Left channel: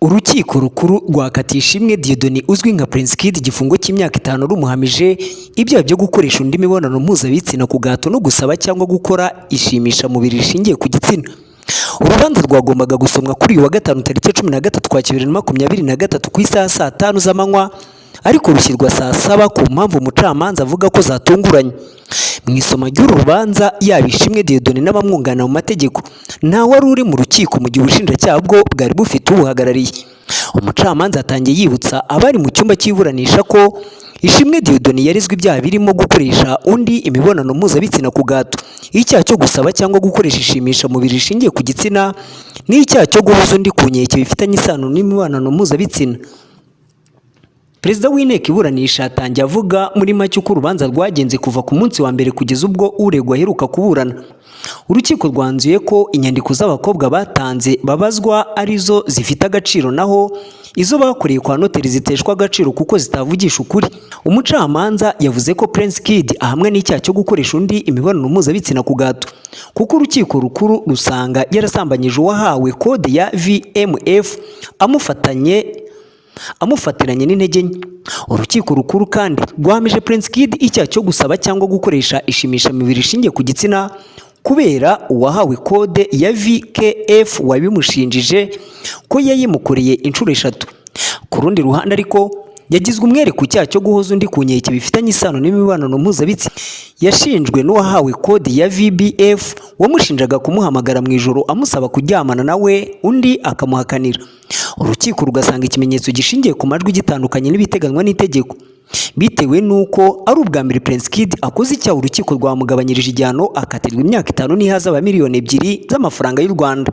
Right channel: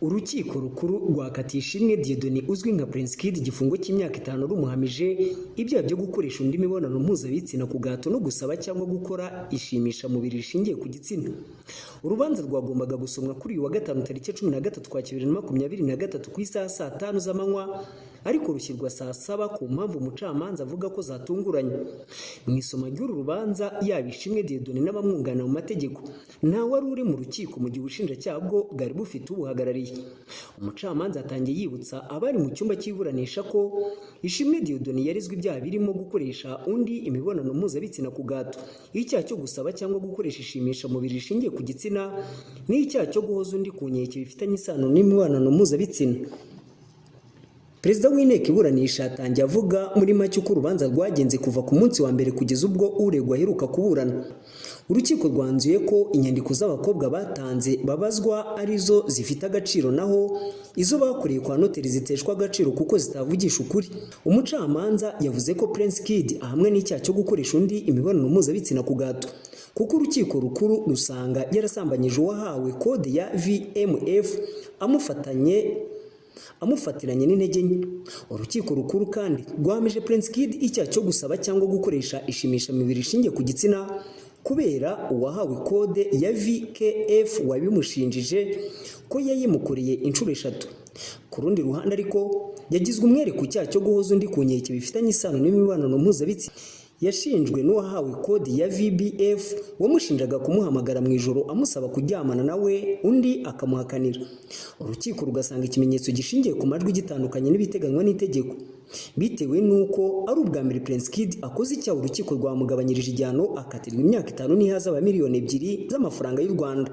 Urukiko rukuru rwakatiye Ishimwe Dieudonné uzwi nka Prince Kid igifungo cy'imyaka 5 rumuhamije ibyaha byo gukoresha undi mibonano mpuzabitsina ku gahato no gusaba cyangwa gukora ishimisha mubiri rishingiye ku gitsina. Urubanza rwagombaga gusomwa kuri uyu wa gatanu tariki 13 kwa 2023 ku isaha saa 5 z'amanywa, ariko rushyirwa saa 7 ku mpamvu umucamanza avuga ko zatunguranye. Mu isoma ry'uru rubanza yaba Ishimwe Dieudonné n'abamwunganira mu mategeko nta wari uri mu rukiko mu gihe ubushinjacyaha bwo bwari bufite ubuhagarariye. Umucamanza atangiye yibutsa abari mu cyumba cy'iburanisha ko Ishimwe Dieudonné yarizwe ibyaha birimo gukoresha undi imibonano mpuzabitsina ku gahato, icyaha cyo gusaba cyangwa gukoresha ishimisha mubiri rishingiye ku gitsina, n'icyaha cyo guhoza undi ku nkeke bifitanye isano n'imibonano mpuzabitsina. Perezida w'inteko iburanisha atangiye avuga muri make uko urubanza rwagenze kuva ku munsi wa mbere kugeza ubwo uregwa aheruka kuburana. Urukiko rwanzuye ko inyandiko z'abakobwa batanze babazwa arizo zifite agaciro, naho izo bakoreye kwa noteri ziteshwa agaciro kuko zitavugisha ukuri. Umucamanza yavuze ko Prince Kid ahamwe n'icyaha cyo gukoresha undi imibonano mpuzabitsina ku gahato kuko urukiko rukuru rusanga yarasambanyije uwahawe kode ya VMF amufatiranye n'intege nke. Urukiko rukuru kandi rwahamije Prince Kid icyaha cyo gusaba cyangwa gukoresha ishimisha mibiri rishingiye ku gitsina kubera uwahawe kode ya VKF wabimushinjije ko yayimukoreye inshuro 3. Ku rundi ruhande ariko yagizwe umwere ku cyaha cyo guhoza undi ku nkeke bifitanye isano n'imibonano mpuzabitsina. Yashinjwe n'uwahawe kode ya VBF wamushinjaga kumuhamagara mu ijoro amusaba kuryamana nawe, undi akamuhakanira. Urukiko rugasanga ikimenyetso gishingiye ku majwi gitandukanye n'ibiteganywa n'itegeko. Bitewe nuko ari ubwa mbere Prince Kid akoze icyaha, urukiko rwamugabanyirije igihano akatirwa imyaka 5 n'ihazabu miliyoni 2 z'amafaranga y'u Rwanda.